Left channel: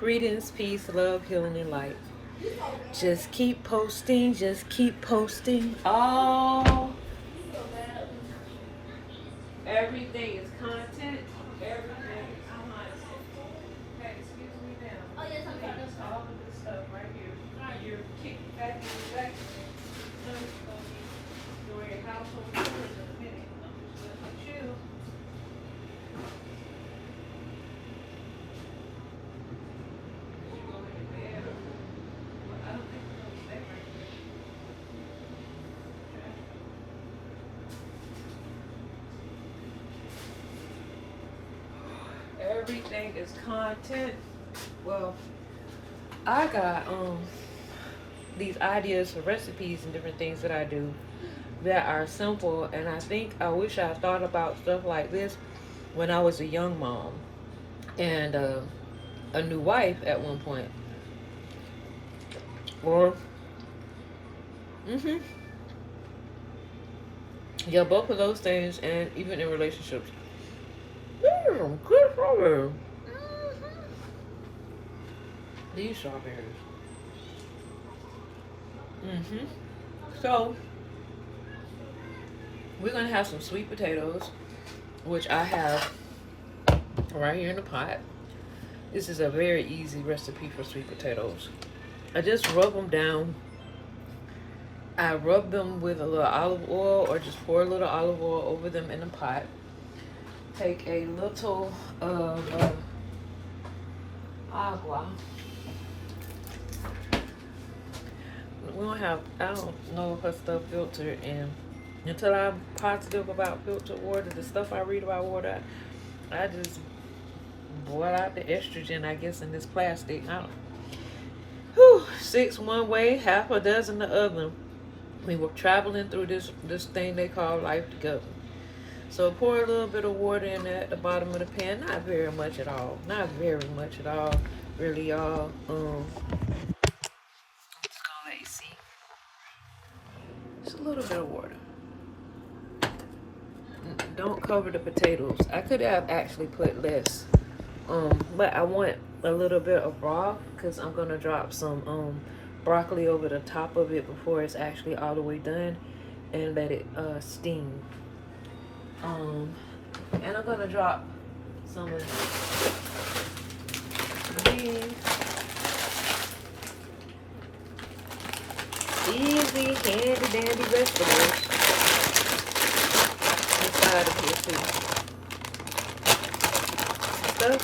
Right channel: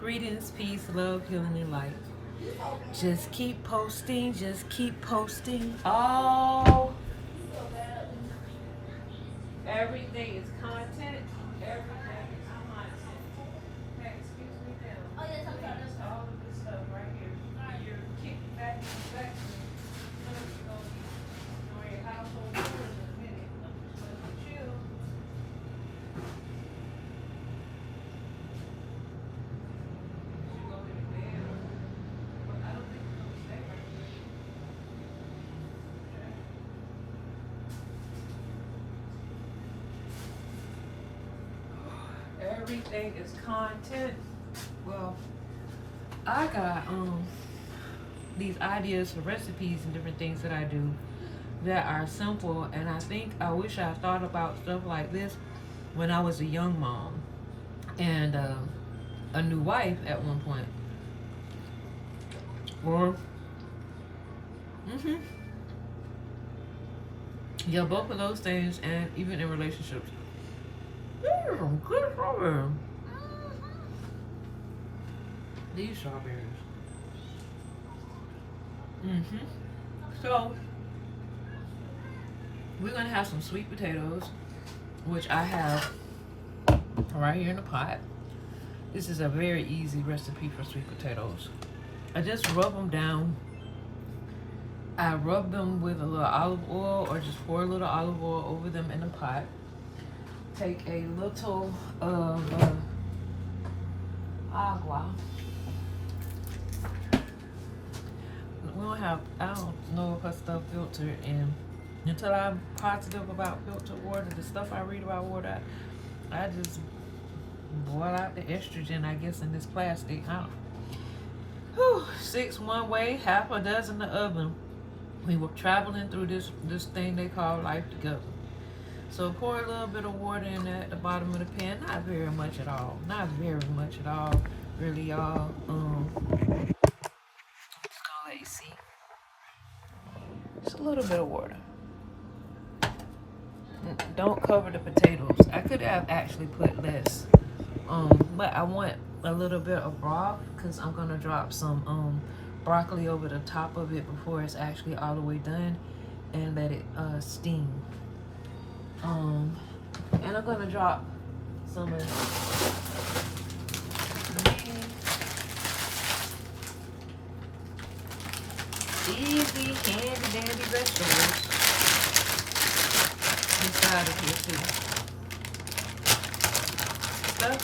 Greetings, peace, love, healing, and light. Just keep posting, just keep posting. Oh, everything is content. Everything. Hey, excuse me now. All of this stuff right here. You're kicking back and back. Doing your household chores in a minute. I'm just letting you chill. You go ahead and bed. I don't think you're gonna stay right there. Everything is content. Well, I got these ideas for recipes and different things that I do that are simple, and I wish I thought about stuff like this when I was a young mom and a new wife at one point. Or yeah, both of those things, and even in relationships. Good for her. These strawberries. So we're gonna have some sweet potatoes, which I have right here in the pot. This is a very easy recipe for sweet potatoes. I just rub them down. I rub them with a little olive oil, or just pour a little olive oil over them in the pot. Take a little of agua. We don't have, I don't know her stuff filtered, and until I'm positive about filtered water, the stuff I read about water, I just boil out the estrogen, I guess, in this plastic. I don't. Whew, 6 one way, half a dozen the other. We were traveling through this thing they call life together. So pour a little bit of water in at the bottom of the pan. Not very much at all. Not very much at all. Really, y'all. Just gonna let you see. Just a little bit of water. Don't cover the potatoes. I could have actually put less. But I want a little bit of broth because I'm gonna drop some broccoli over the top of it before it's actually all the way done, and let it steam. And I'm gonna drop some of these easy, handy dandy vegetables inside of here too. Stuff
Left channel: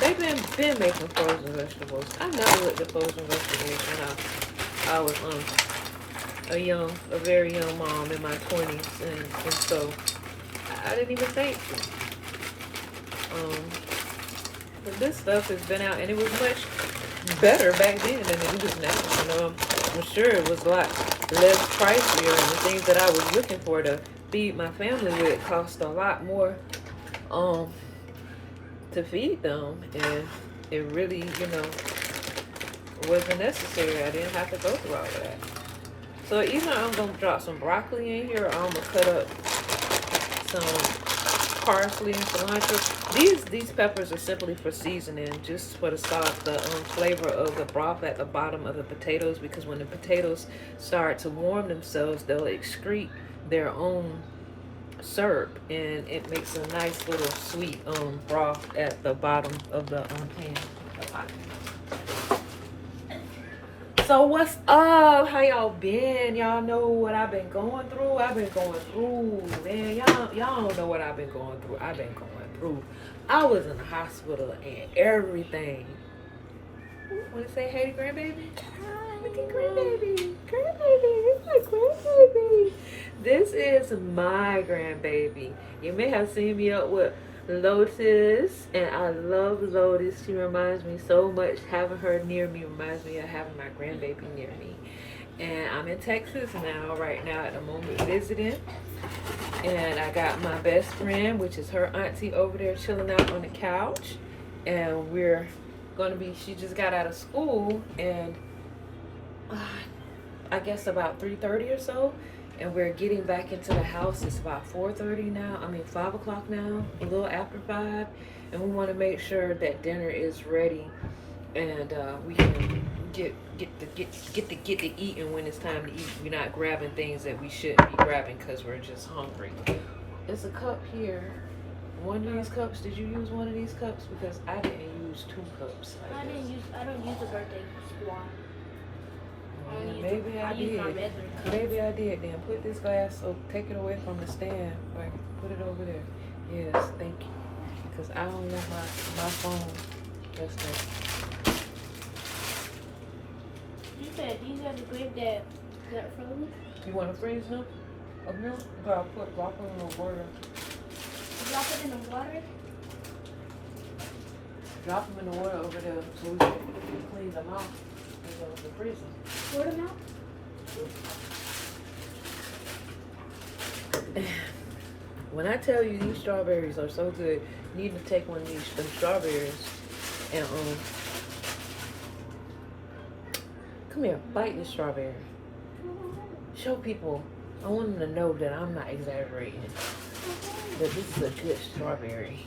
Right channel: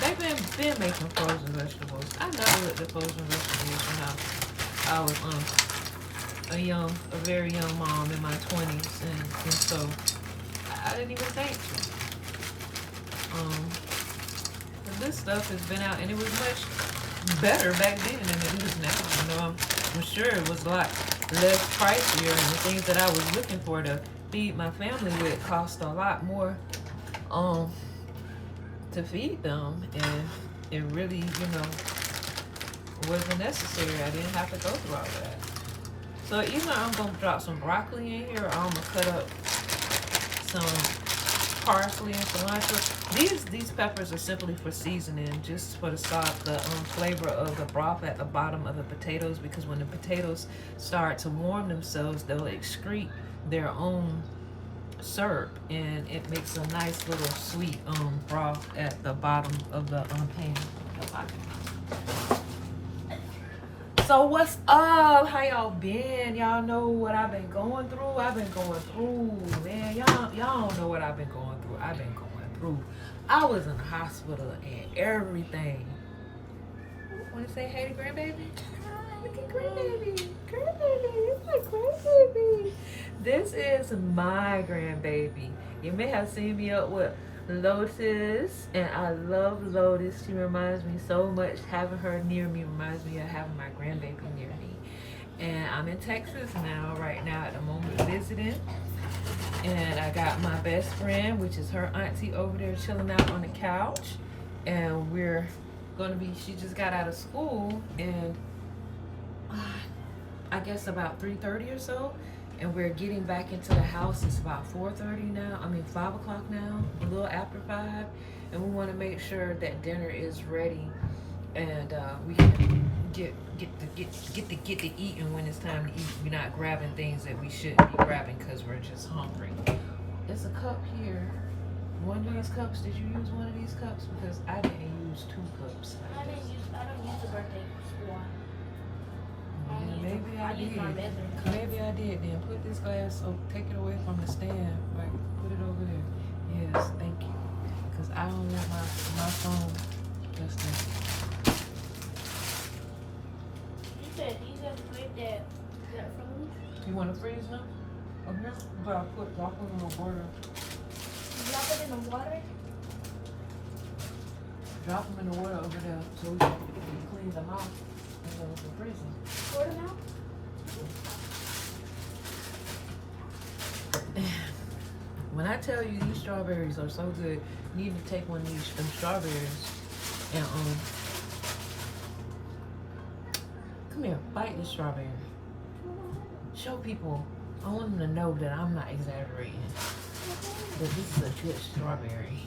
they've been making frozen vegetables. I never looked at frozen vegetables when I was a very young mom in my 20s, and so I didn't even think to. But this stuff has been out, and it was much better back then than it is now. You know, I'm sure it was a lot less pricier, and the things that I was looking for to feed my family with cost a lot more to feed them, and it really, wasn't necessary. I didn't have to go through all that. So either I'm gonna drop some broccoli in here, or I'm gonna cut up some parsley and cilantro. These peppers are simply for seasoning, just for the sauce, the flavor of the broth at the bottom of the potatoes, because when the potatoes start to warm themselves, they'll excrete their own syrup, and it makes a nice little sweet broth at the bottom of the pan. So what's up? How y'all been? Y'all know what I've been going through? I've been going through, man. Y'all don't know what I've been going through. I've been going through. I was in the hospital and everything. Want to say hey to grandbaby? Hi, look at grandbaby. Grandbaby, it's my grandbaby. This is my grandbaby. You may have seen me up with Lotus, and I love Lotus. She reminds me so much. Having her near me reminds me of having my grandbaby near me. And I'm in Texas right now at the moment, visiting. And I got my best friend, which is her auntie, over there chilling out on the couch. And we're gonna be, she just got out of school, and I guess about 3:30 or so, and we're getting back into the house. It's about 4:30 now. 5 o'clock now, a little after 5, and we want to make sure that dinner is ready and we can get to eating when it's time to eat. We're not grabbing things that we shouldn't be grabbing because we're just hungry. There's a cup here. One of these cups. Did you use one of these cups? Because I didn't use 2 cups. I don't use the birthday one. Maybe I did. Maybe I did. Then put this glass. So take it away from the stand. Like put it over there. Yes, thank you. Because I don't want my phone. That's it. You said these are the grapes that frozen? You want to freeze them? Up here? But I'll drop them in the water. Drop it in the water? Drop them in the water over there so we can clean them out and go to the freezer. Water now? When I tell you these strawberries are so good, you need to take one of these strawberries and come here, bite your strawberry. Show people. I want them to know that I'm not exaggerating. That this is a good strawberry.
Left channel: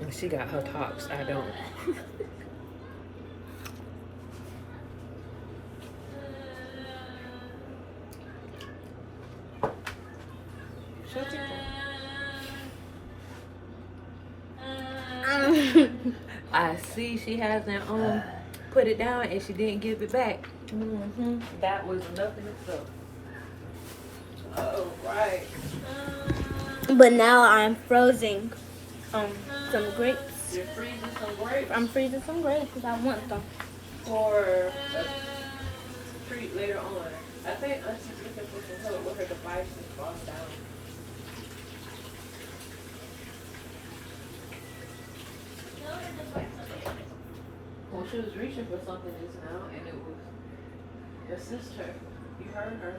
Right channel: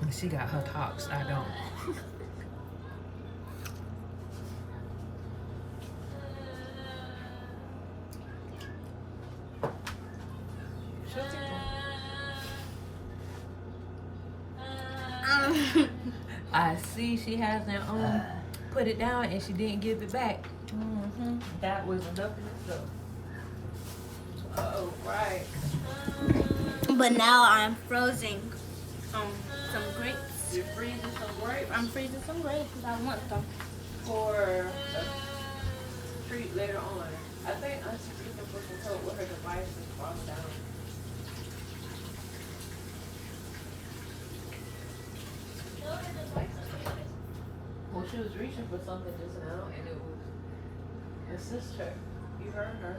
And she got her tops. I don't. Show people. I see she hasn't put it down and she didn't give it back. That was enough in itself. Oh, right. But now I'm freezing some grapes. You're freezing some grapes? I'm freezing some grapes because I want them. For a treat later on. I think Auntie can put some help with her devices fall down. Well, she was reaching for something just now, and it was assist her. You heard her.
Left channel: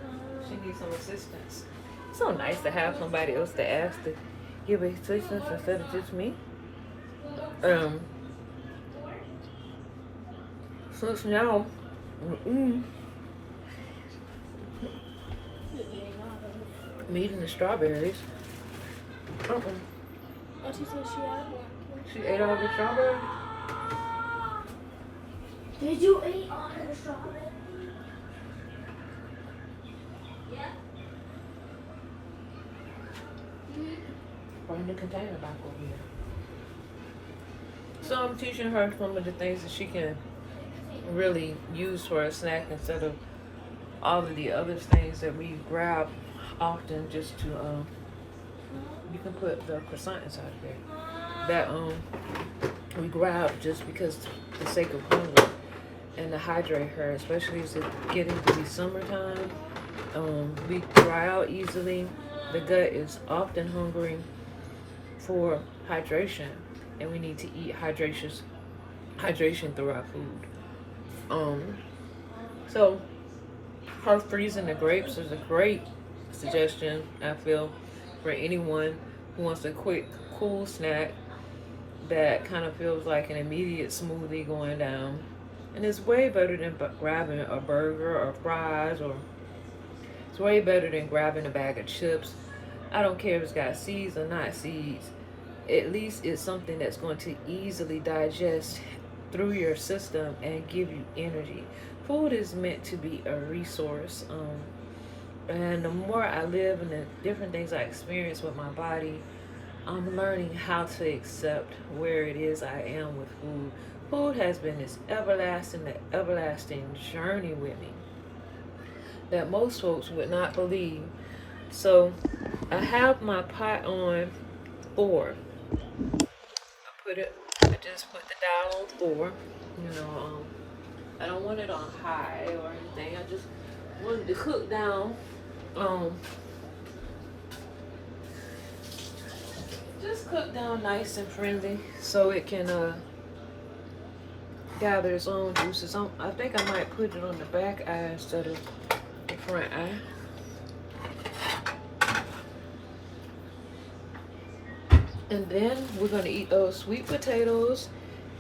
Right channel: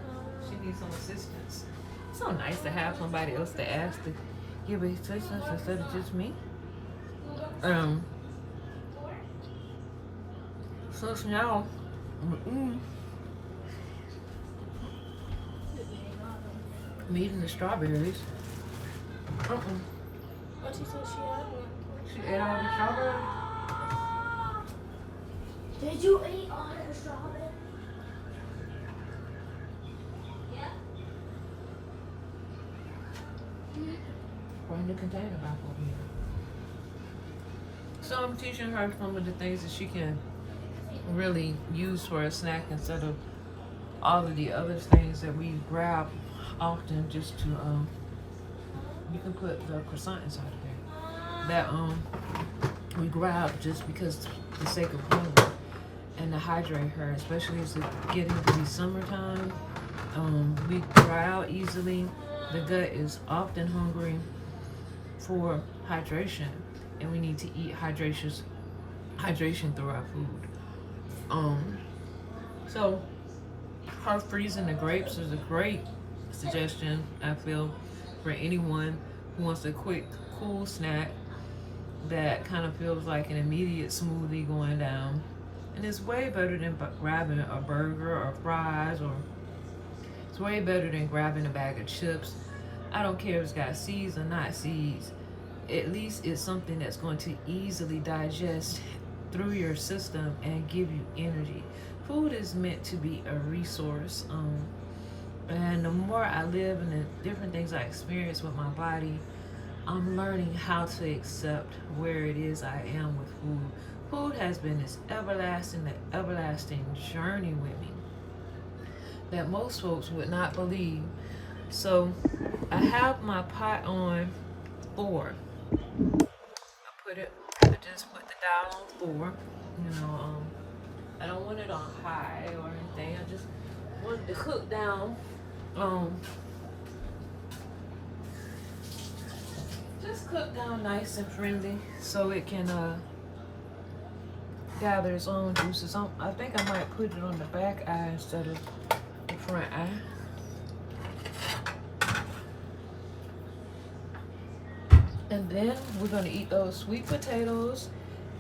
She needs some assistance. It's so nice to have somebody else to ask to give assistance instead of just me. So now, I'm eating the strawberries. What she said she had? She ate all the strawberries. Did you eat all the strawberries? Bring the container back over here. So I'm teaching her some of the things that she can really use for a snack instead of all of the other things that we grab often just to you can put the croissant inside there that we grab just because the sake of hunger and to hydrate her, especially as it's getting to be summertime. We dry out easily. The gut is often hungry for hydration, and we need to eat hydration through our food. So her freezing the grapes is a great suggestion, I feel, for anyone who wants a quick, cool snack that kind of feels like an immediate smoothie going down. And it's way better than grabbing a burger or fries, or it's way better than grabbing a bag of chips. I don't care if it's got seeds or not seeds. At least it's something that's going to easily digest through your system and give you energy. Food is meant to be a resource. And the more I live and the different things I experience with my body, I'm learning how to accept where it is I am with food. Food has been this everlasting journey with me that most folks would not believe. So I have my pot on 4. I just put the dial on 4. I don't want it on high or anything. I just wanted to cook down. Just cook down nice and friendly so it can gather its own juices. I think I might put it on the back eye instead of the front eye. And then we're gonna eat those sweet potatoes,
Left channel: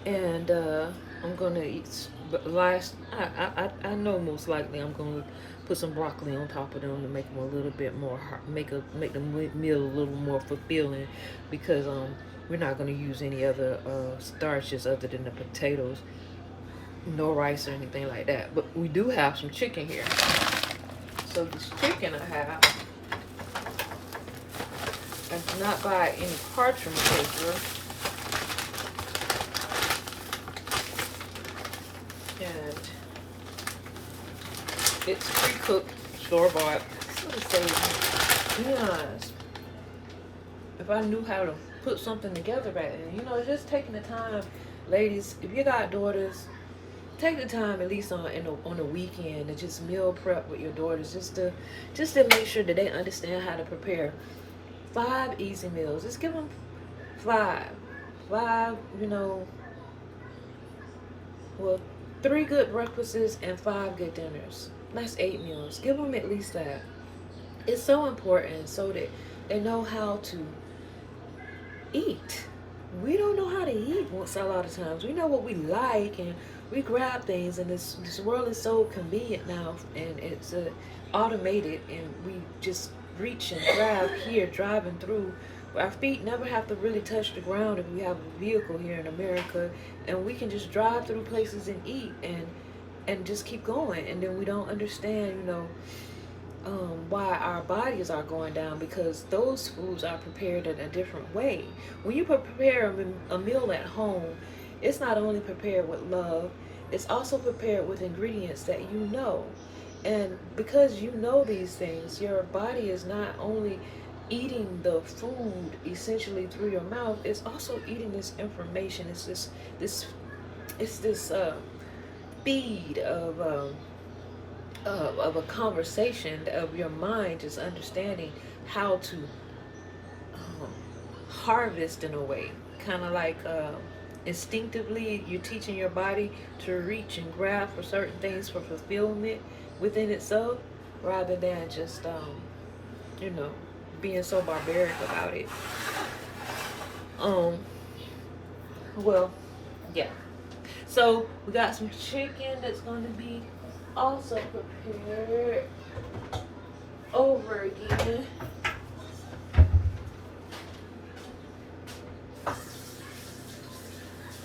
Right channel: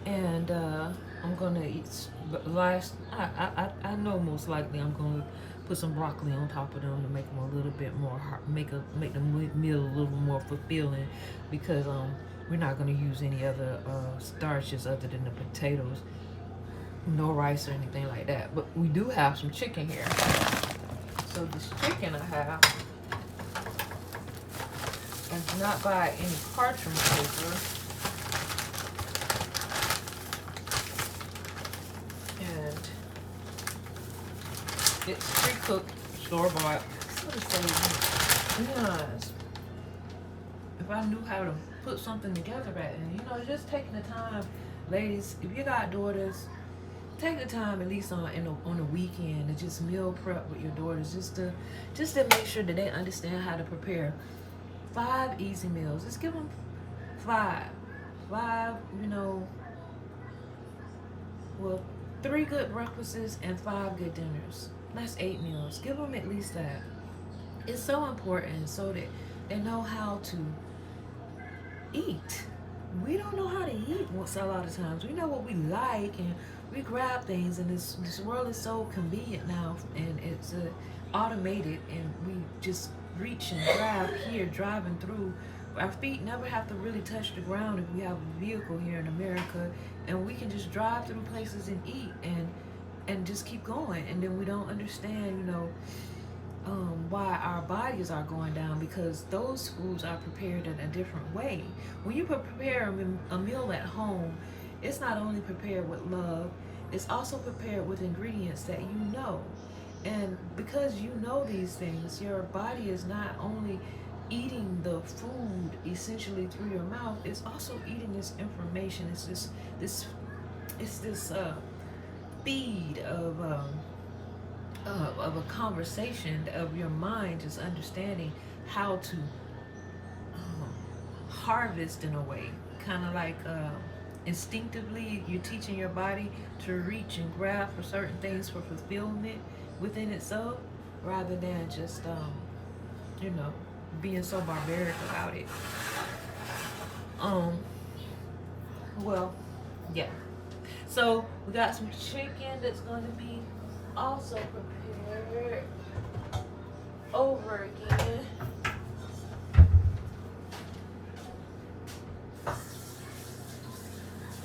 and I'm gonna eat. I know most likely I'm gonna put some broccoli on top of them to make them a little bit more make the meal a little more fulfilling, because We're not going to use any other starches other than the potatoes. No rice or anything like that. But we do have some chicken here. So this chicken I have, I did not buy any parchment paper. And it's pre-cooked, store-bought. What it says? To be honest, if I knew how to put something together back then, you know, just taking the time, ladies, if you got daughters, take the time at least on the weekend to just meal prep with your daughters, just to make sure that they understand how to prepare 5 easy meals. Just give them 5, you know, well, 3 good breakfasts and 5 good dinners. That's 8 meals. Give them at least that. It's so important so that they know how to eat. We don't know how to eat a lot of times. We know what we like and we grab things, and this world is so convenient now, and it's automated, and we just reach and grab here driving through. Our feet never have to really touch the ground if we have a vehicle here in America, and we can just drive through places and eat and just keep going. And then we don't understand, you know, why our bodies are going down, because those foods are prepared in a different way. When you prepare a meal at home, it's not only prepared with love, it's also prepared with ingredients that you know. And because you know these things, your body is not only eating the food essentially through your mouth, it's also eating this information. It's this feed of a conversation of your mind, just understanding how to harvest in a way, kind of like instinctively you're teaching your body to reach and grab for certain things for fulfillment within itself, rather than just you know, being so barbaric about it. Well, yeah, so we got some chicken that's going to be also prepared over again.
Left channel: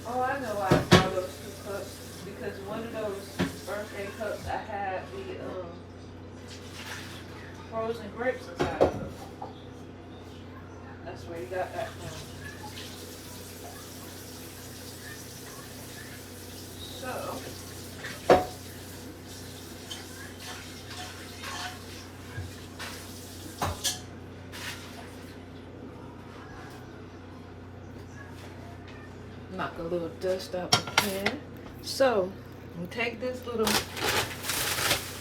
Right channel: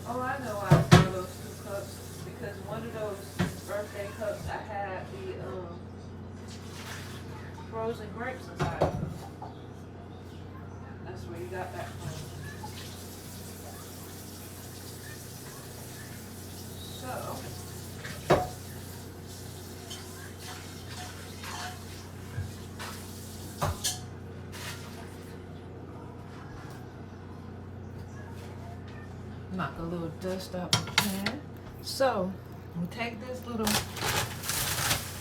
Oh, I know I saw those 2 cups, because one of those birthday cups I had the frozen grapes inside of them. That's where you got that from. So, knock a little dust out the pan. So, we take this little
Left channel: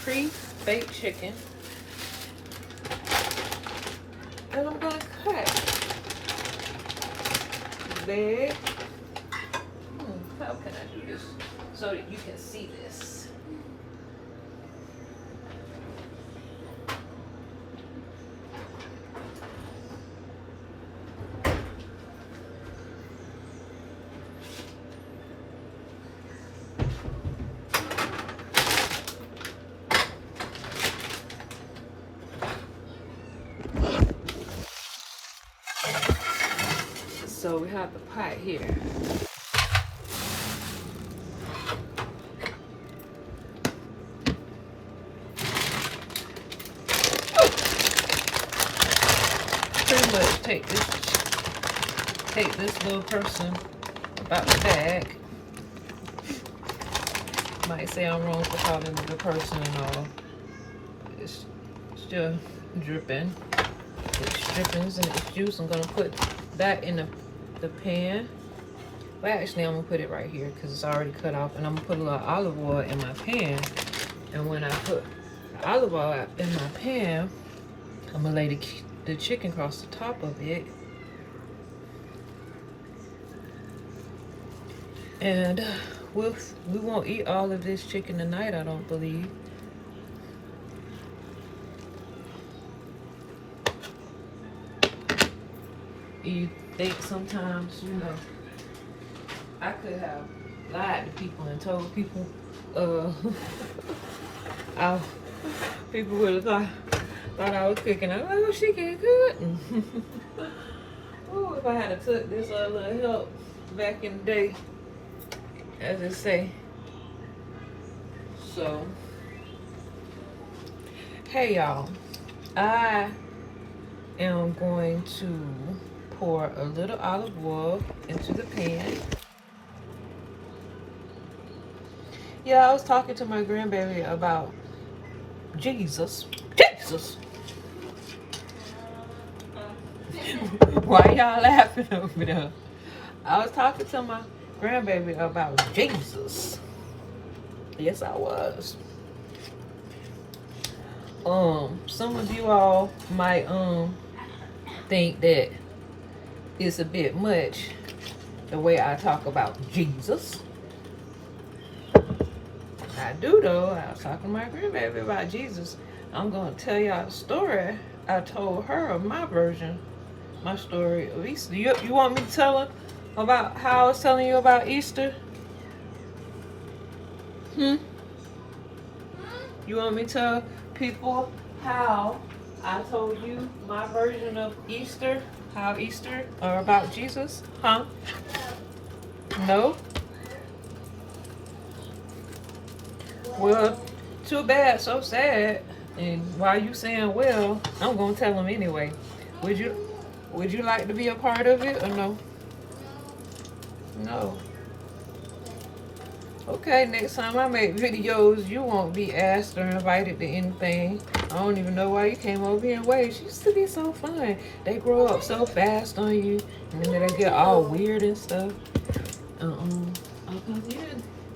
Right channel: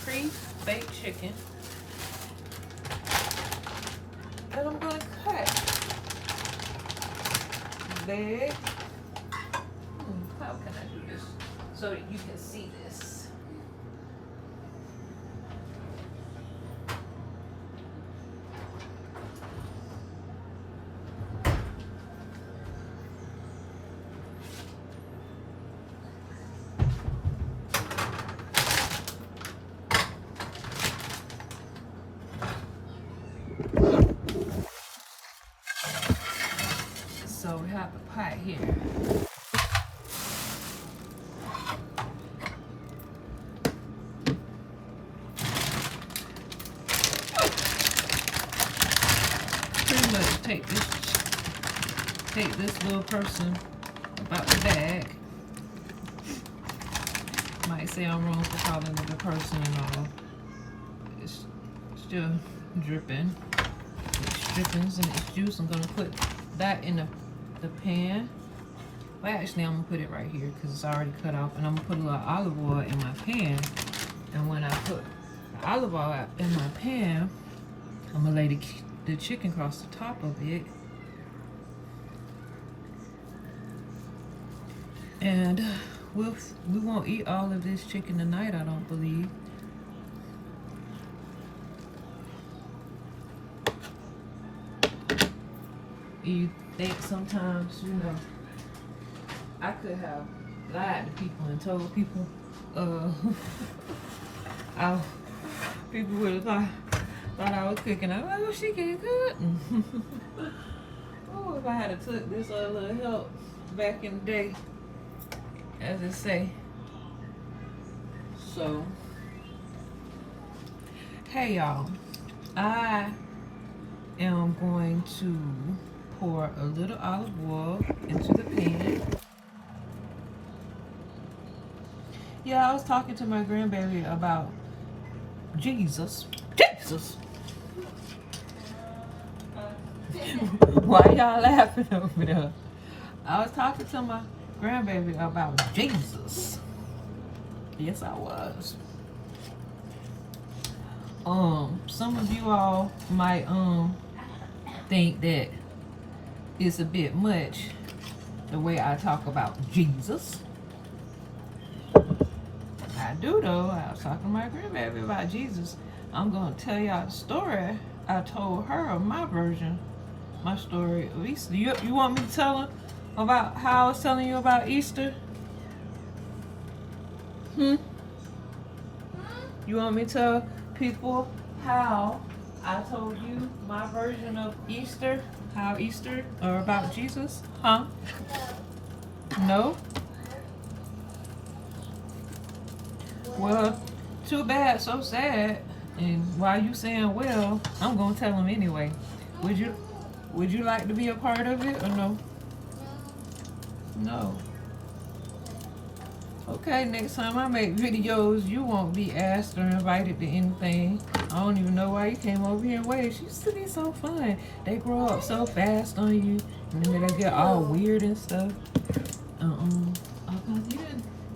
pre-baked chicken, and I'm gonna cut big. How can I do this so that you can see this? So we have the pot here. Pretty much take this little person about the bag. Might say I'm wrong for calling it a person and all. It's still dripping. It's drippings and it's juice. I'm gonna put that in the pan. Well, actually, I'm gonna put it right here because it's already cut off, and I'm gonna put a little olive oil in my pan. And when I put olive oil in my pan, I'm gonna lay the chicken across the top of it. And we won't eat all of this chicken tonight, I don't believe. You think sometimes, you know, I could have lied to people and told people, people would have thought I was cooking. I'm like, oh, she can cook. Oh, if I had to took this little help back in the day, as they say. So, hey y'all, I am going to pour a little olive oil into the pan. Yeah, I was talking to my grandbaby about Jesus. Jesus! Why y'all laughing over there? I was talking to my grandbaby about Jesus. Yes, I was. Some of you all might think that it's a bit much the way I talk about Jesus. I do though. I was talking to my grandbaby about Jesus. I'm gonna tell y'all a story I told her of my version, my story of Easter. You want me to tell her about how I was telling you about Easter? You want me to tell people how I told you my version of Easter? How Easter or about Jesus? Huh? No? Well, too bad, so sad. And while you saying well, I'm gonna tell them anyway. Would you like to be a part of it or no? No. Okay, next time I make videos, you won't be asked or invited to anything. I don't even know why you came over here and waited. She used to be so fun. They grow up so fast on you, and then they get all weird and stuff. You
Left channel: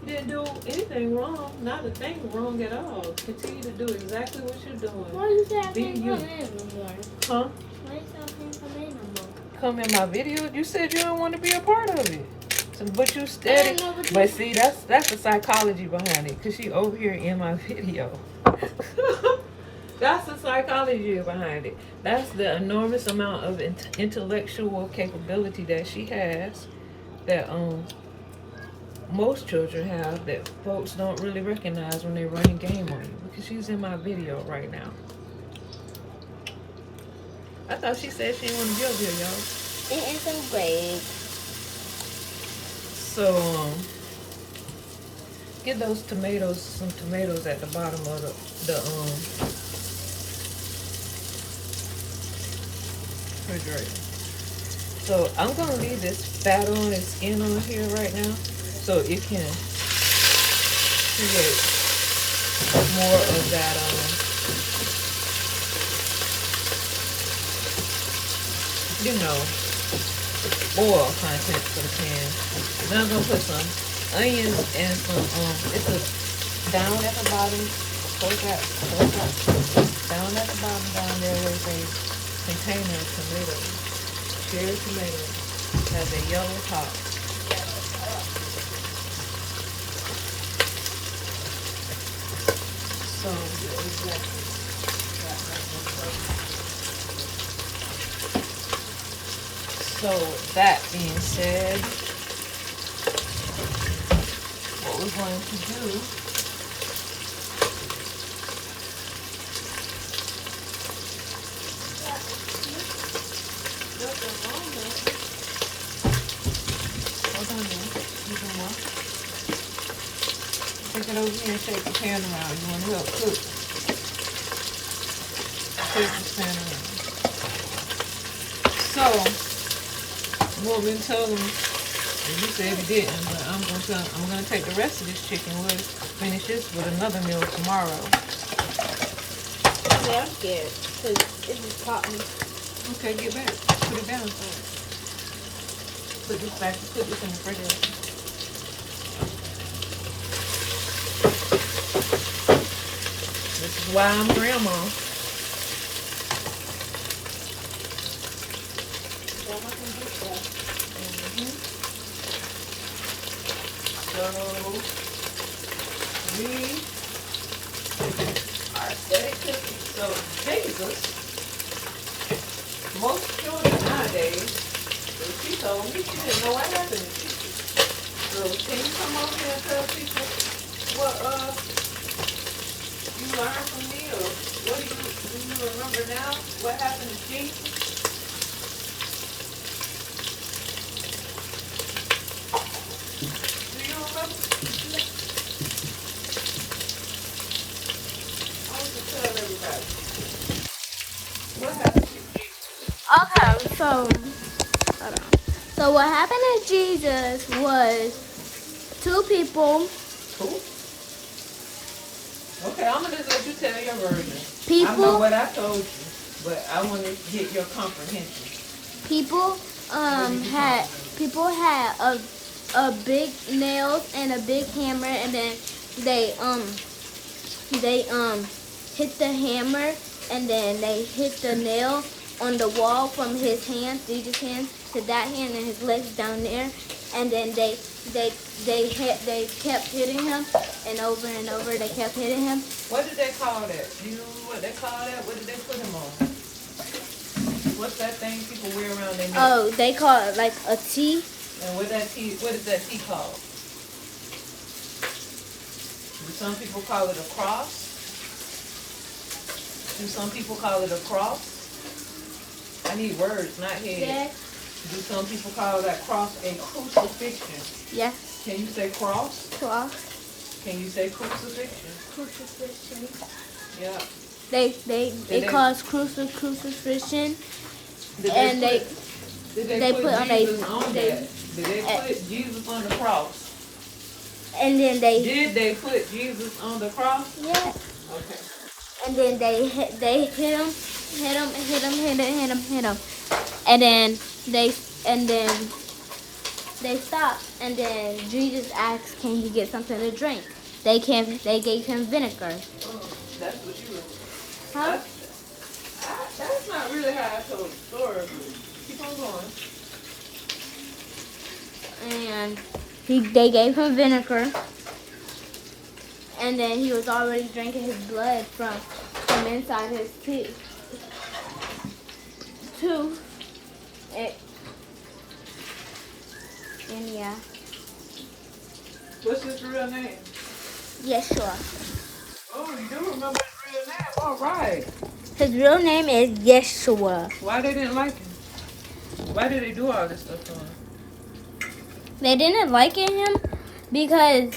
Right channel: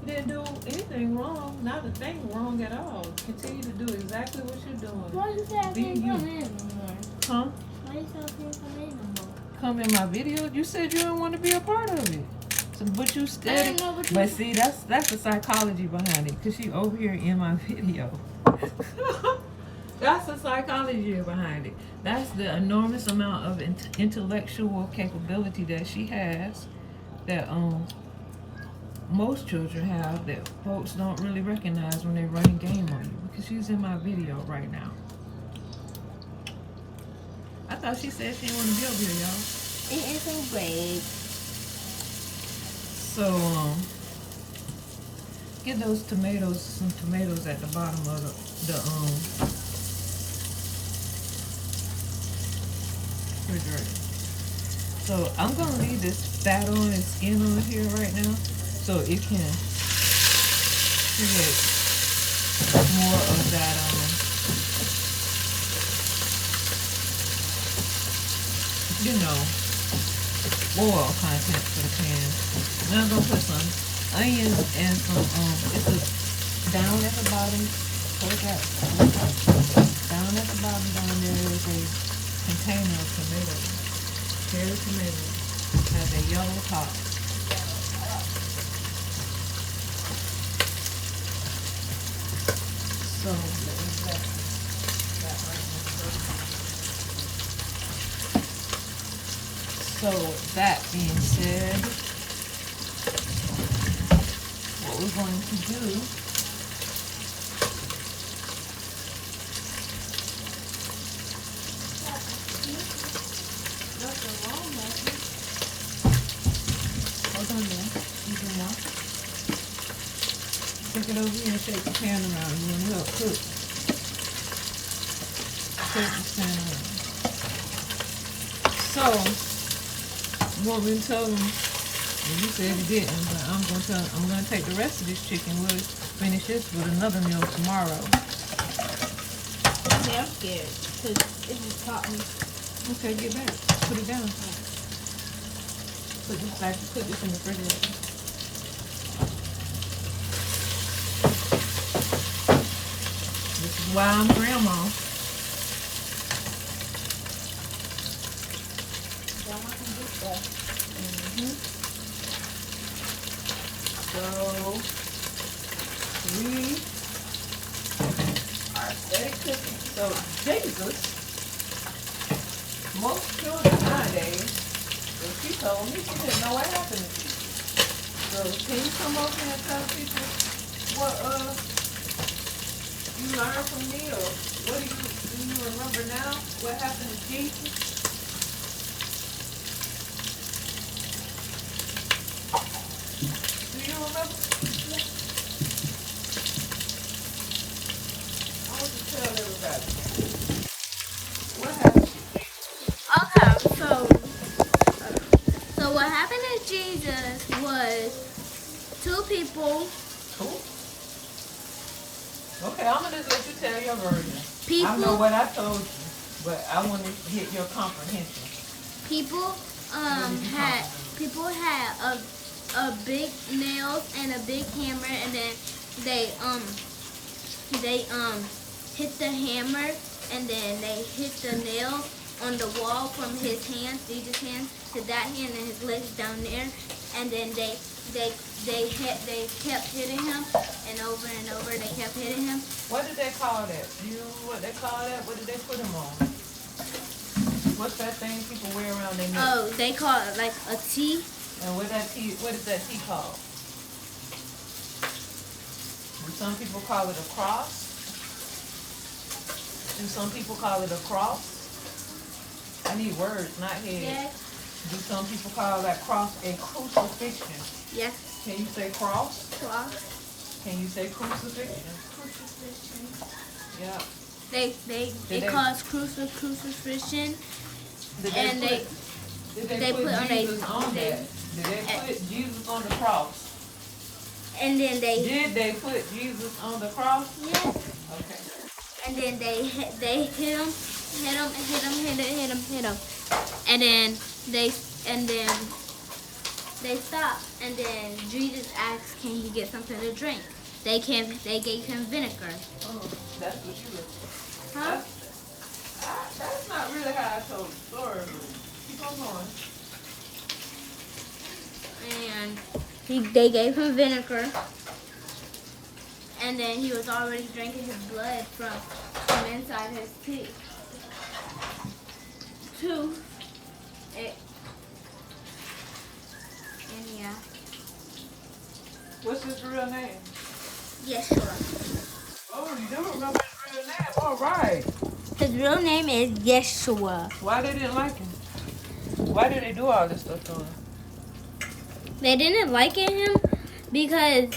didn't do anything wrong. Not a thing wrong at all. Continue to do exactly what you're doing. Why you say I Be can't you. come in no more? Huh? Why you say I can't come in no more? Come in my video? You said you don't want to be a part of it. So, but you steady. But see, that's the psychology behind it. Because she over here in my video. That's the psychology behind it. That's the enormous amount of intellectual capability that she has. That most children have that folks don't really recognize when they're running game on you. Because she's in my video right now. I thought she said she didn't want to be over here, y'all. It is so great. So, get those tomatoes, some tomatoes at the bottom of the refrigerator. So, I'm going to leave this fat on and skin on here right now so it can create more of that oil content for the pan. Then I'm gonna put some onions and some it's a down at the bottom. Close that down at the bottom down there there's a container of tomatoes. Cherry tomatoes. Has a yellow top. So So that being said, what we're going to do take it over here and shake the pan around. You want to help cook. Shake the pan around. So what we told him, and you said he didn't, but I'm gonna take the rest of this chicken. We'll finish this with another meal tomorrow. Yeah, I'm scared because it just caught me. Okay, get back. Put it down. Put this back. Put this in the refrigerator. This is why I'm grandma. So we are steady cooking. So Jesus, most children nowadays, she told me she didn't know what happened. So can you come over here and tell people what you learned from me, or what do you remember now? What happened to Jesus? happened to Jesus was two people. Cool. Okay, I'm gonna just let you tell your version. People. I know what I told you, but I want to get your comprehension. People had a big nails and a big hammer, and then they hit the hammer, and then they hit the nail on the wall from his hand, Jesus' hand, to that hand, and his legs down there, and then they kept hitting him, and over they kept hitting him. What did they call that? Do you know what they call that? What did they put him on? What's that thing people wear around their neck? Oh, they call it like a T. And what is that T called? Do some people call it a cross? Do some people call it a cross? I need words, not heads. Yes. Do some people call that cross a crucifixion? Yes. Can you say cross? Cross. Can you say crucifixion? Crucifixion. Yeah. They call it crucifixion. Did they put put on Jesus on they that? Did they put Jesus on the cross? and then Did they put Jesus on the cross? yes. Okay. And then they hit him, and then they stopped, and then Jesus asked, "Can he get something to drink?" They gave him vinegar. Oh, that's what you were. Huh? That's not really how I told the story. Keep on going. And they gave him vinegar, and then he was already drinking his blood from inside his teeth. And yeah, What's his real name? Yeshua. Oh, you do remember his real name? All right. His real name is Yeshua. Why they didn't like him? Why did they do all this stuff to him? They didn't like him because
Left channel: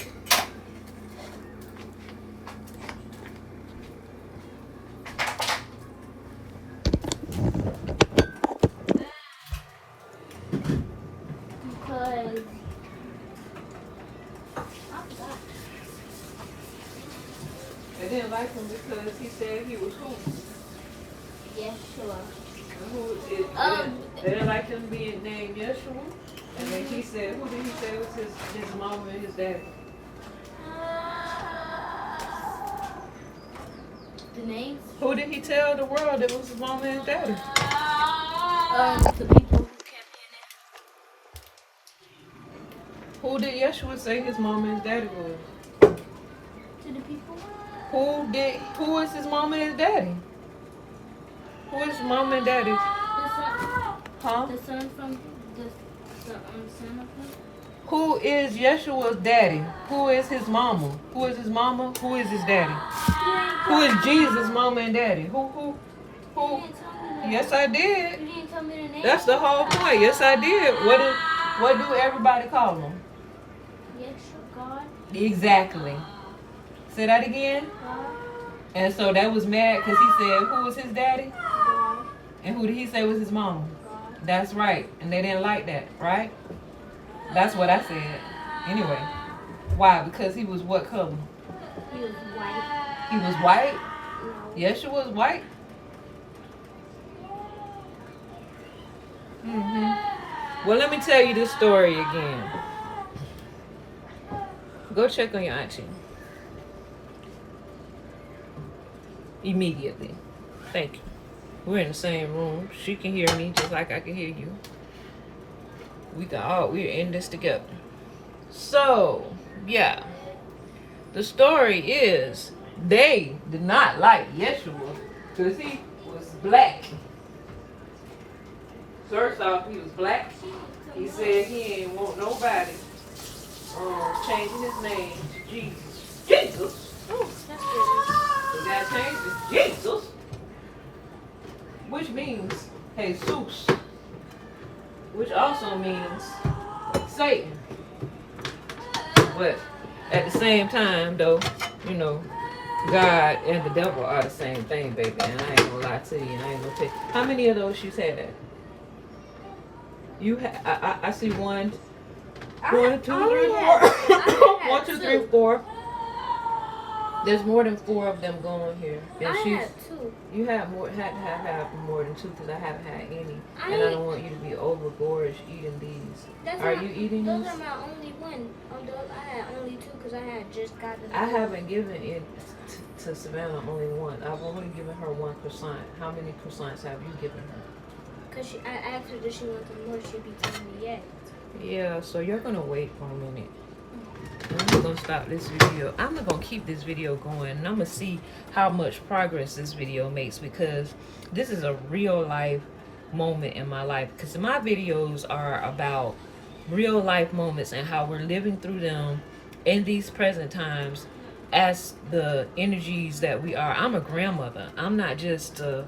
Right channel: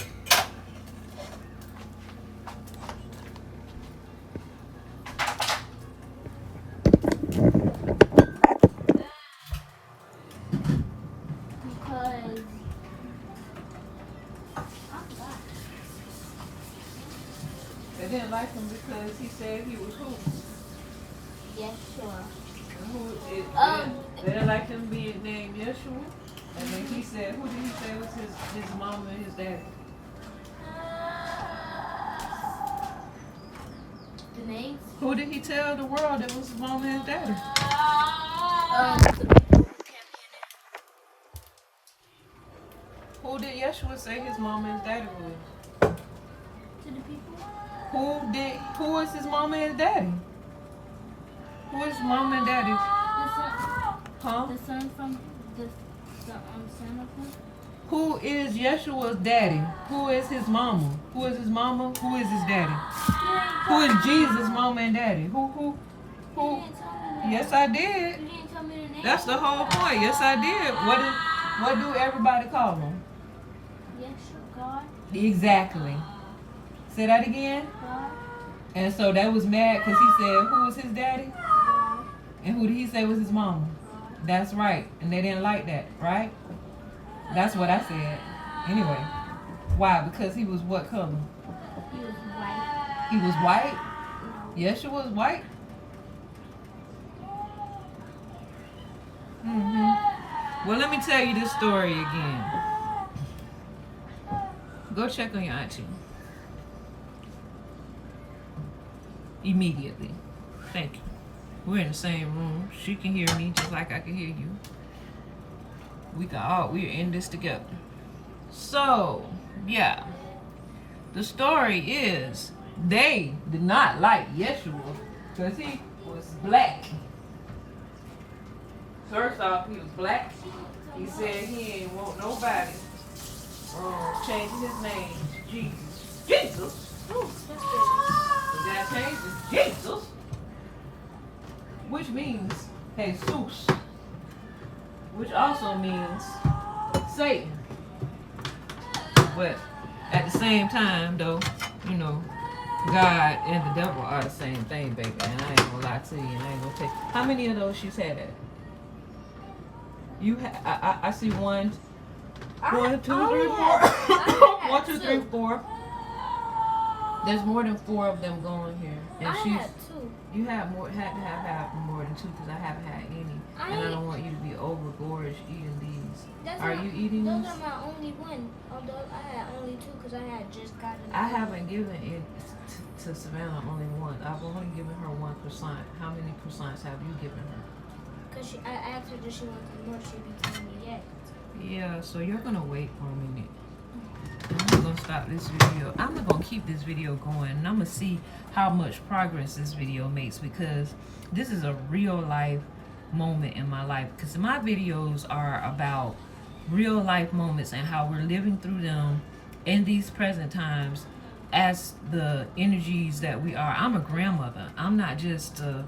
They didn't like him because he said he was who? Yeshua. They didn't like him being named Yeshua. And then he said, who did he say was his mama and his daddy? The names? Who did he tell the world that was his mama and his daddy? The people who kept in it. Who did Yeshua say his mama and his daddy was? To the people? Who is his mama and his daddy? Who is mama and daddy? Huh? The son from the son of him. Who is Yeshua's daddy? Who is his mama? Who is his mama? Who is his daddy? Who is Jesus' mama and daddy? Who? Yes, I did. You didn't tell me the name. That's the whole point. Yes, I did. What do everybody call him? Yeshua, God. Exactly. Say that again. And so that was mad because he said, who was his daddy? And who did he say was his mama? That's right. And they didn't like that, right? That's what I said. Anyway. Why? Because he was what color? He was white. He was white? No. Yeshua was white? Well, let me tell you this story again. Go check on your auntie. Immediately. Thank you. We're in the same room. She can hear me just like I can hear you. We're in this together. So, yeah. The story is they did not like Yeshua because he was black. First off, he was black. He said he ain't want nobody changing his name to Jesus. Jesus! Oh, that's good. So that changed to Jesus, which means Jesus, which also means Satan. But at the same time, though, you know, God and the devil are the same thing, baby. And I ain't gonna lie to you. And I ain't gonna tell you. How many of those she's had? I see one, I 1, 2, 3, 4. only had 1, 2, 3, two. 4. There's more than 4 of them going here. And I she's. had 2. You had more than 2 because I haven't had any, and I don't want you to be overgorged eating these. Are you eating those these? Those are my only one. Although I had only 2 because I had just gotten. I haven't given it to Savannah only one. I've only given her 1 croissant. How many croissants have you given her? Because I asked her does she want them more, she'd be telling me yes. Yeah, so you're gonna wait for a minute. I'm gonna stop this video. I'm gonna keep this video going, and I'm gonna see how much progress this video makes, because this is a real life moment in my life. Because my videos are about real life moments and how we're living through them in these present times as the energies that we are. I'm a grandmother. I'm not just a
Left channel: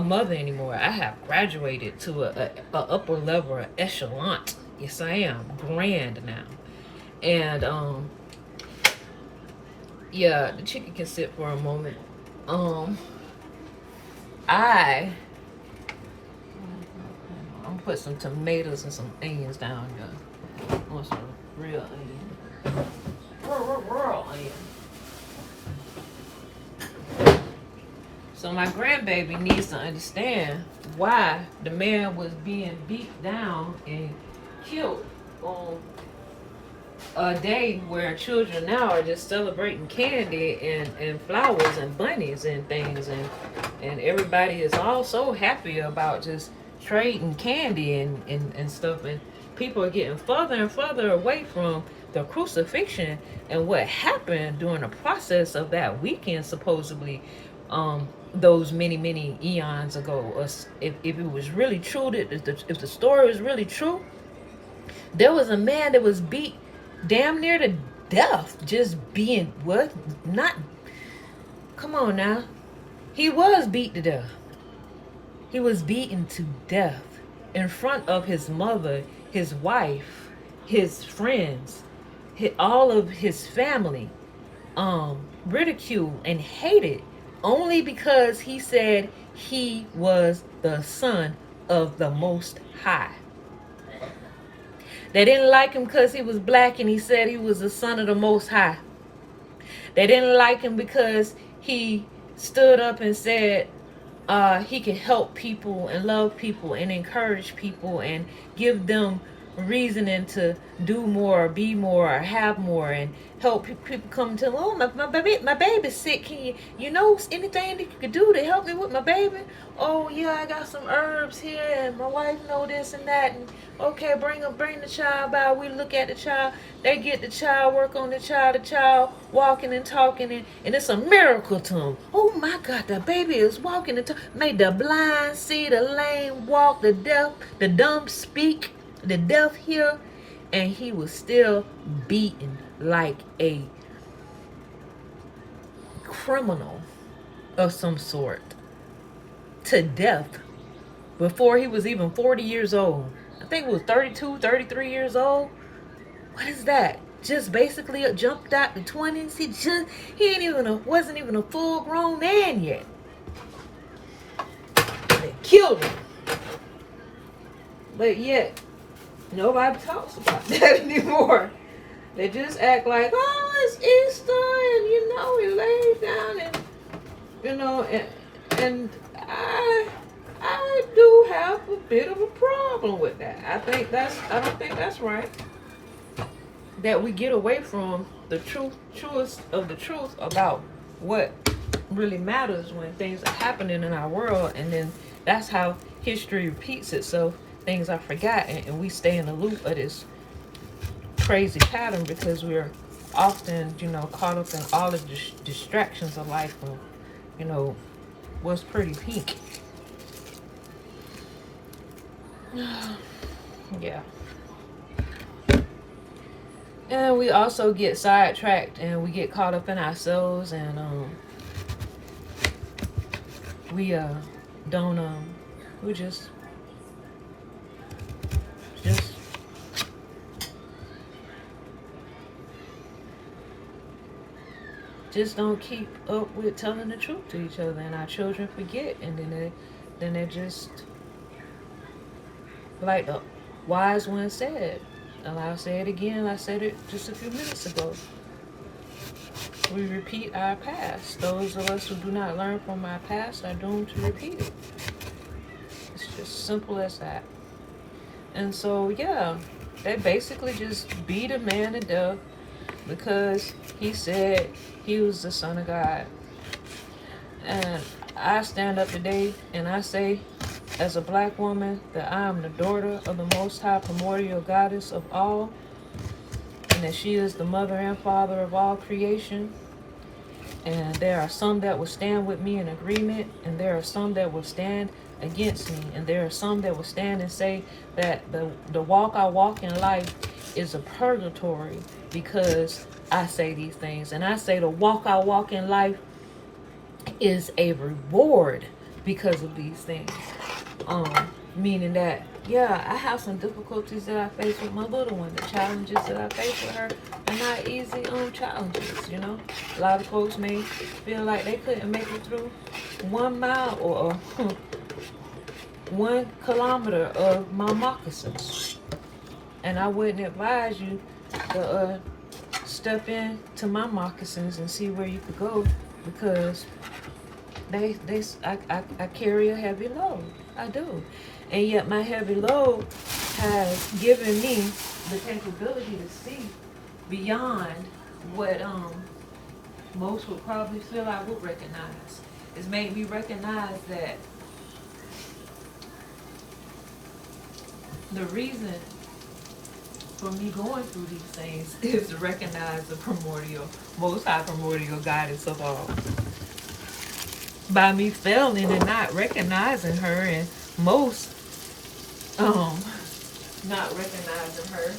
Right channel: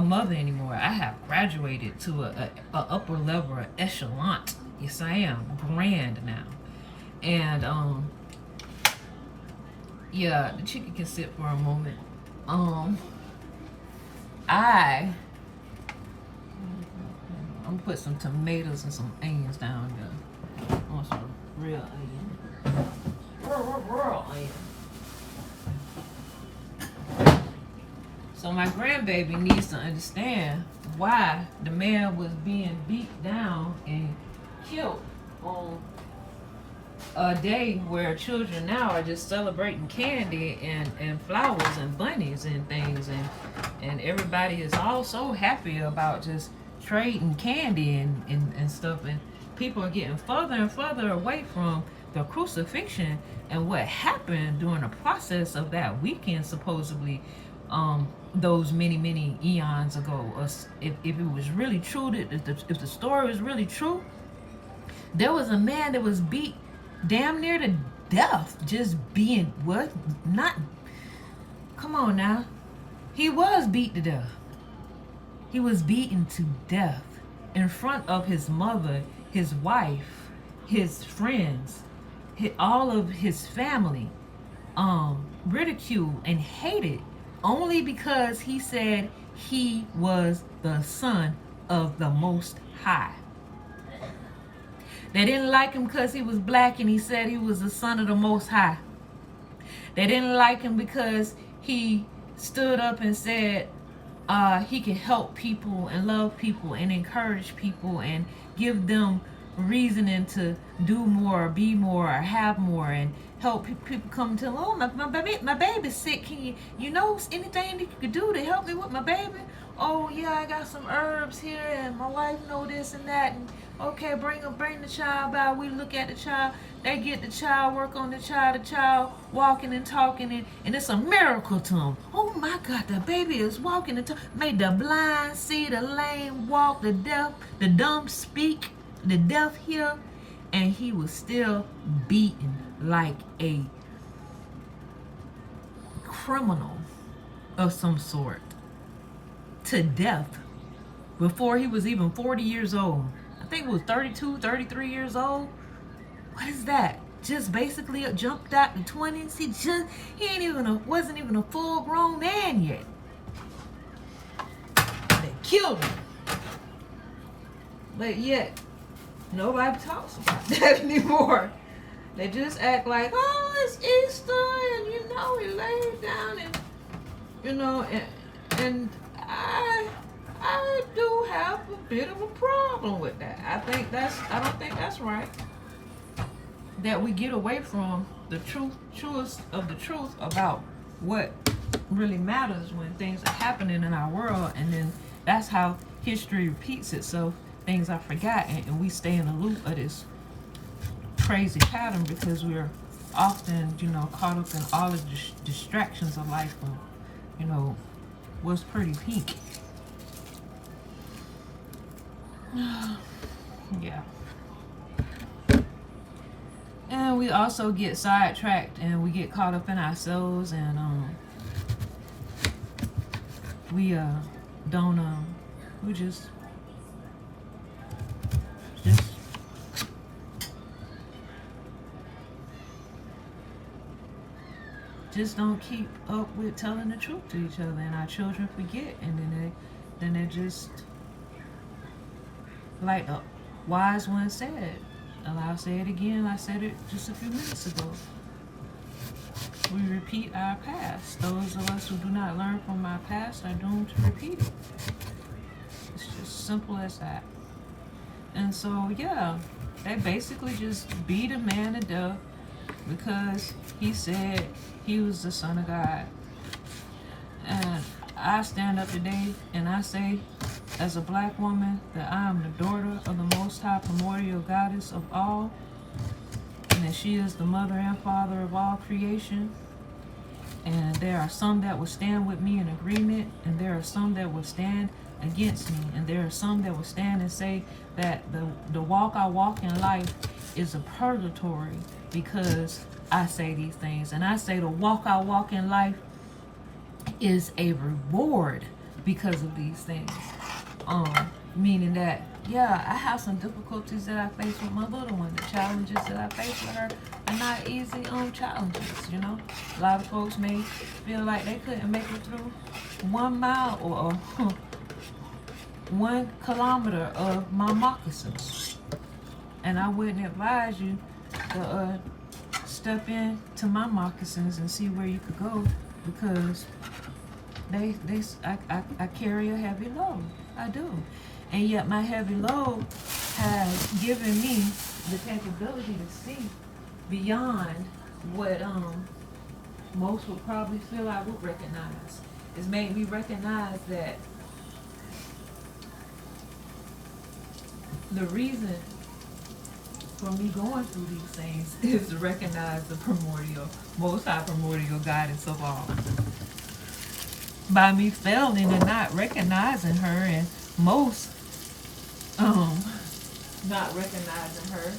mother anymore. I have graduated to a upper level, an echelon. Yes, I am grand now. And yeah, the chicken can sit for a moment. I'm gonna put some tomatoes and some onions down there. I want some real onion. Real onion. So my grandbaby needs to understand why the man was being beat down and killed on a day where children now are just celebrating candy and flowers and bunnies and things, and everybody is all so happy about just trading candy and stuff, and people are getting further and further away from the crucifixion and what happened during the process of that weekend, supposedly those many eons ago. If it was really true, that if the story was really true, there was a man that was beat damn near to death, just being what? Not. Come on now. He was beat to death. He was beaten to death in front of his mother, his wife, his friends, all of his family, ridiculed and hated only because he said he was the son of the Most High. They didn't like him because he was black and he said he was the son of the Most High. They didn't like him because he stood up and said he could help people and love people and encourage people and give them reasoning to do more, be more, have more, and help people come to him. Oh, my baby's sick. Can you know anything that you could do to help me with my baby? Oh yeah, I got some herbs here, and my wife know this and that. And okay, bring the child by. We look at the child. They get the child, work on the child walking and talking, and it's a miracle to them. Oh my God, the baby is walking and talking. Made the blind see, the lame walk, the deaf, the dumb speak, the deaf hear, and he was still beaten like a criminal of some sort to death before he was even 40 years old. I think it was 32, 33 years old. What is that? Just basically jumped out the 20s. Wasn't even a full grown man yet. They killed him. But yet, nobody talks about that anymore. They just act like, oh, it's Easter, and we laid down, and I do have a bit of a problem with that. I don't think that's right. That we get away from the truest of the truth about what really matters when things are happening in our world, and then that's how history repeats itself. Things are forgotten, and we stay in the loop of this crazy pattern because we're often, caught up in all of the distractions of life and, what's pretty peak. Yeah. And we also get sidetracked and we get caught up in ourselves, and we don't we just don't keep up with telling the truth to each other, and our children forget, and then they're just like wise one said, and I'll say it again, I said it just a few minutes ago. We repeat our past. Those of us who do not learn from our past are doomed to repeat it. It's just simple as that. And so, yeah, they basically just beat a man to death because he said he was the Son of God. And I stand up today and I say, as a black woman, that I am the daughter of the Most High Primordial Goddess of all, and that she is the mother and father of all creation. And there are some that will stand with me in agreement, and there are some that will stand against me, and there are some that will stand and say that the walk I walk in life is a purgatory because I say these things. And I say the walk I walk in life is a reward because of these things. Meaning that, yeah, I have some difficulties that I face with my little one. The challenges that I face with her are not easy challenges, you know. A lot of folks may feel like they couldn't make it through 1 mile or 1 kilometer of my moccasins. And I wouldn't advise you to step into my moccasins and see where you could go, because I carry a heavy load. I do. And yet my heavy load has given me the capability to see beyond what most would probably feel I would recognize. It's made me recognize that the reason for me going through these things is to recognize the most high primordial goddess of all. By me failing and not recognizing her, and most not recognizing her,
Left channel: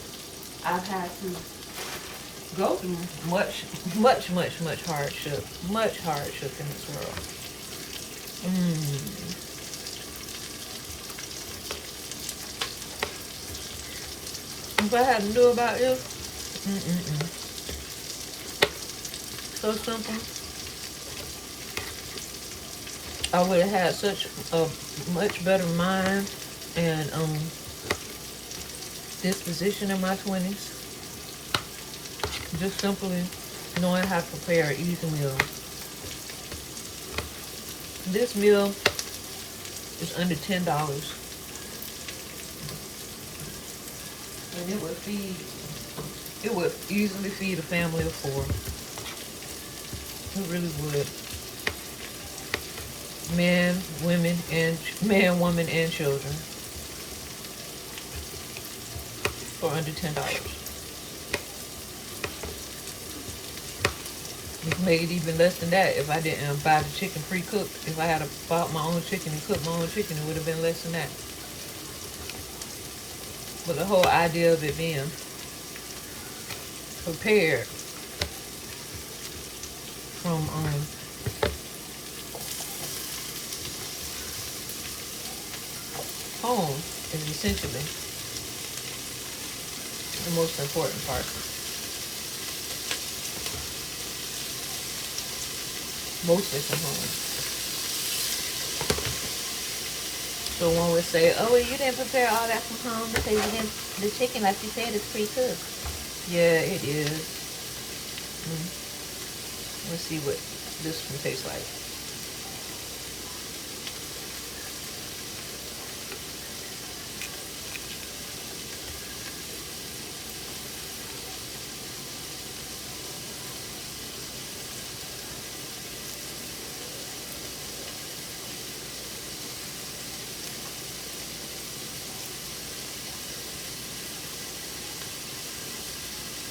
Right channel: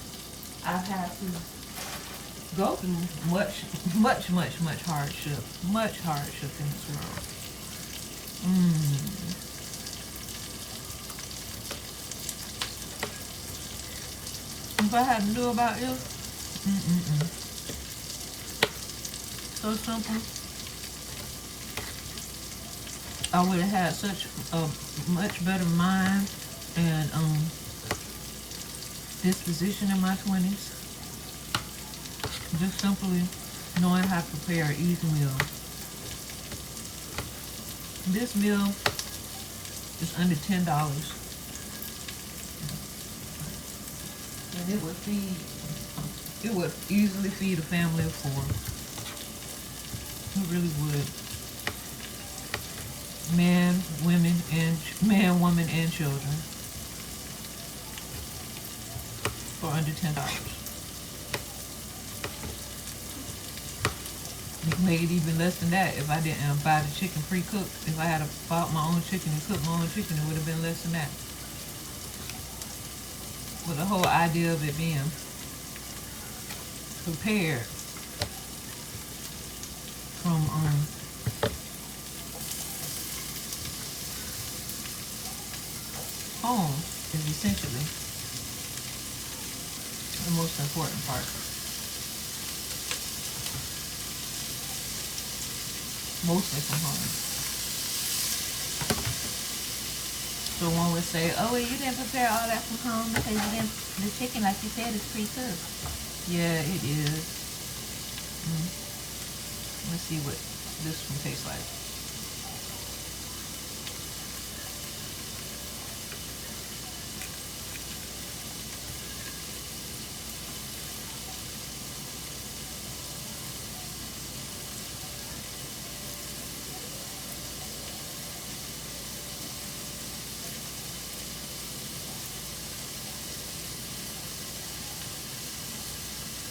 I've had to go through much hardship. Much hardship in this world. If I had to do about this, so simple. I would have had such a much better mind and disposition in my 20s. Just simply knowing how to prepare an easy meal. This meal is under $10. And it would easily feed a family of 4. It really would. Man, woman, and children for under $10. It made it even less than that if I didn't buy the chicken pre-cooked. If I had bought my own chicken and cooked my own chicken, it would have been less than that. But the whole idea of it being prepared from home is essentially the most important part. Mostly from home. So one would say, oh, well, you didn't prepare all that from home because you didn't, the chicken, like you said, is pre-cooked. Yeah, it is. Let's see what this one tastes like.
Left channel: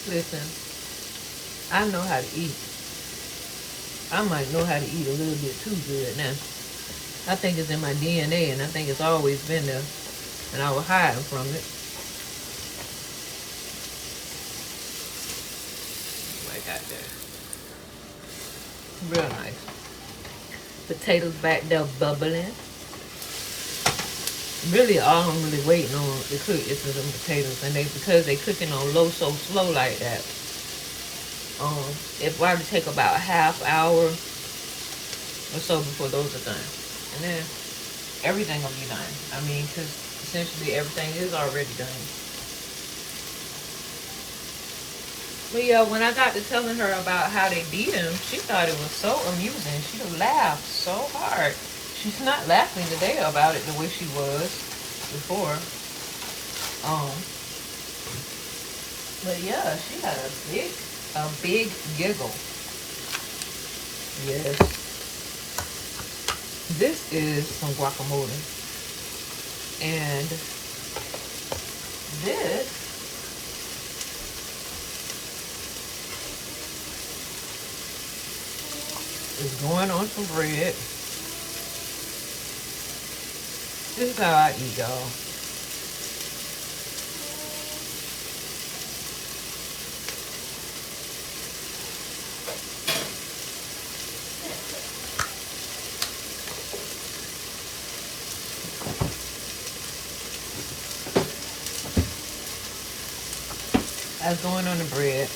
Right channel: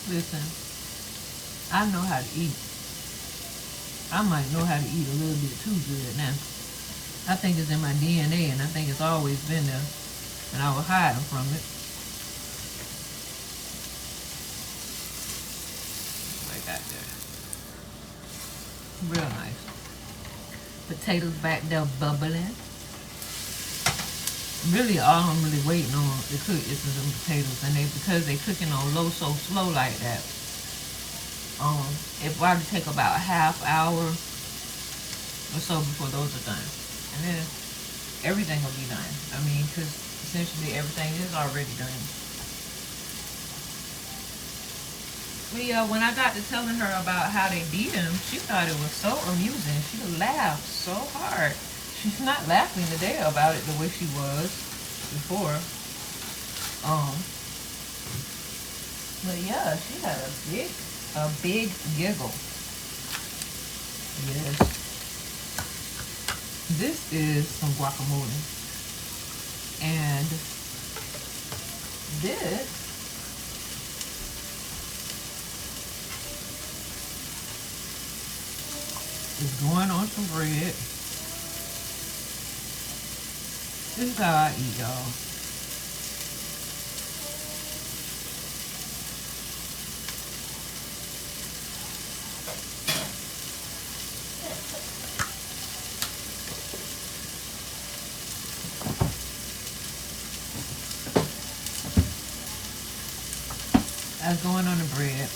Listen, I know how to eat. I might know how to eat a little bit too good now. I think it's in my DNA, and I think it's always been there, and I was hiding from it. I got that. Real nice. Potatoes back there bubbling. Really, all I'm really waiting on to cook is the potatoes, and because they cooking on low so slow like that, it probably take about a half hour or so before those are done, and then everything will be done. I mean, because essentially everything is already done. But yeah, when I got to telling her about how they did them, she thought it was so amusing. She laughed so hard. She's not laughing today about it the way she was before. But yeah, she had a big giggle. Yes. This is some guacamole. And this is going on some bread. This is how I eat, y'all. That's going on the bread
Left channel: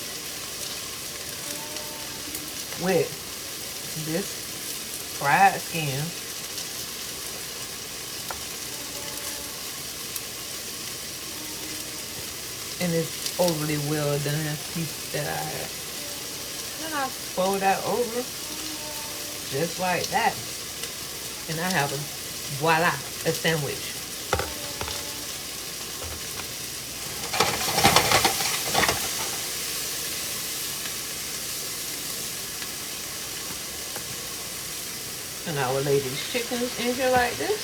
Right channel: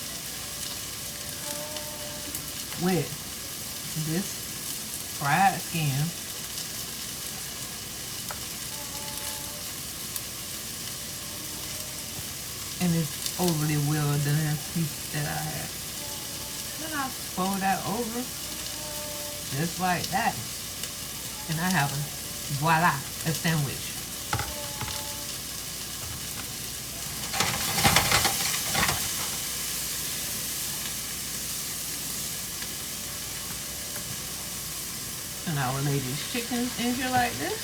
with this fried skin. And this overly well done piece that I fold that over just like that. And I have voila, a sandwich. And I will lay these chickens in here like this.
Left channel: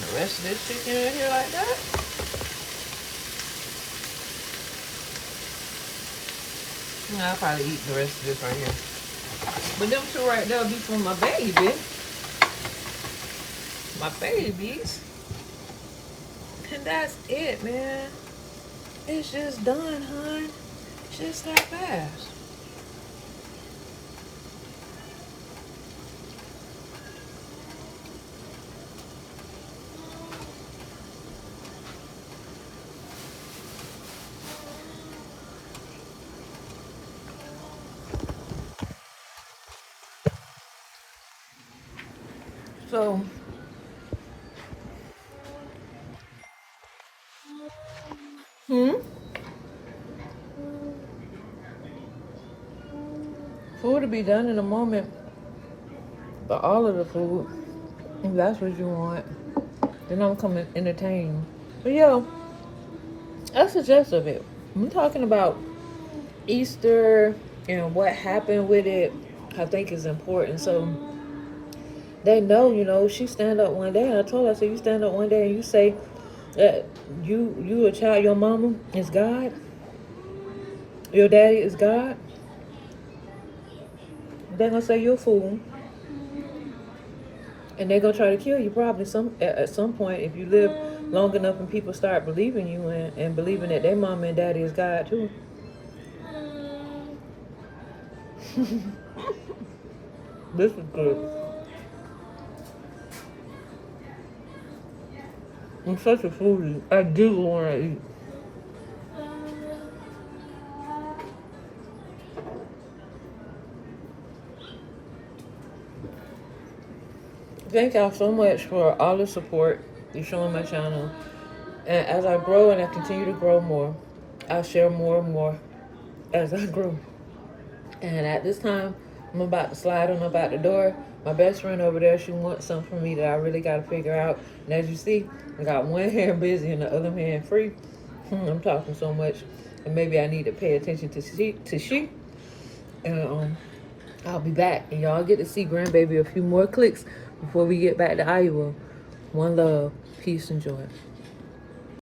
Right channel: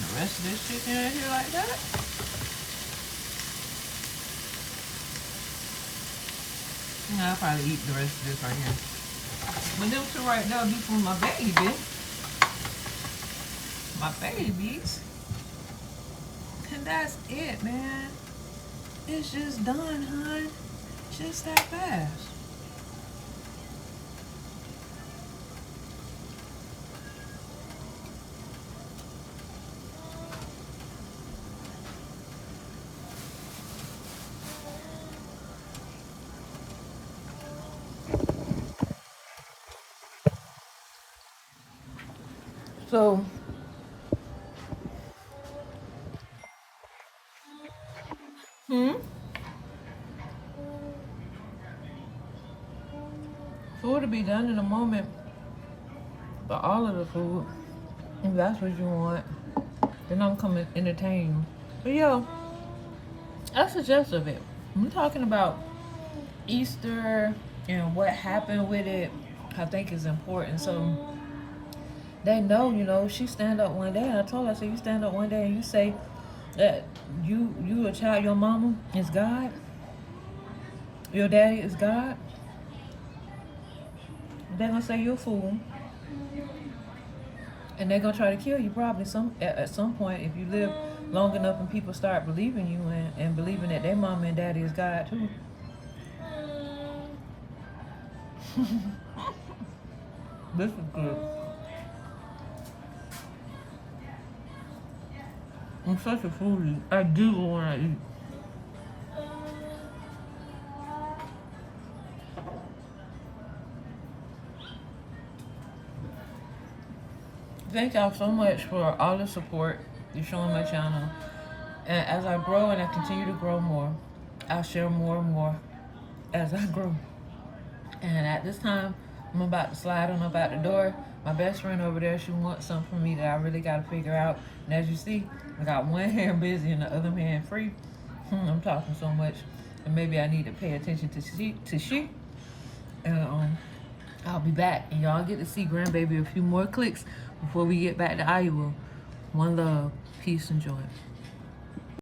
The rest of this chicken in here like that. And I'll probably eat the rest of this right here. But them two right there will be for my baby. My babies. And that's it, man. It's just done, hon. It's just that fast. So, food will be done in a moment, but all of the food, if that's what you want, then I'm coming to entertain you. But yeah, that's the gist of it. I'm talking about Easter and what happened with it. I think is important. So they know, she stand up one day. I told her, I said, you stand up one day and you say that you a child, your mama is God, your daddy is God. They're gonna say you're a fool. And they're gonna try to kill you probably at some point if you live long enough and people start believing you and believing that their mama and daddy is God too. This is good. I'm such a foodie. I do want to eat. Thank y'all so much for all the support you're showing my channel. And as I grow and I continue to grow more, I'll share more and more as I grow. And at this time, I'm about to slide on up out the door. My best friend over there, she wants something from me that I really got to figure out. And as you see, I got one hand busy and the other hand free. I'm talking so much, and maybe I need to pay attention to she. And I'll be back, and y'all get to see grandbaby a few more clicks before we get back to Iowa. One love, peace, and joy.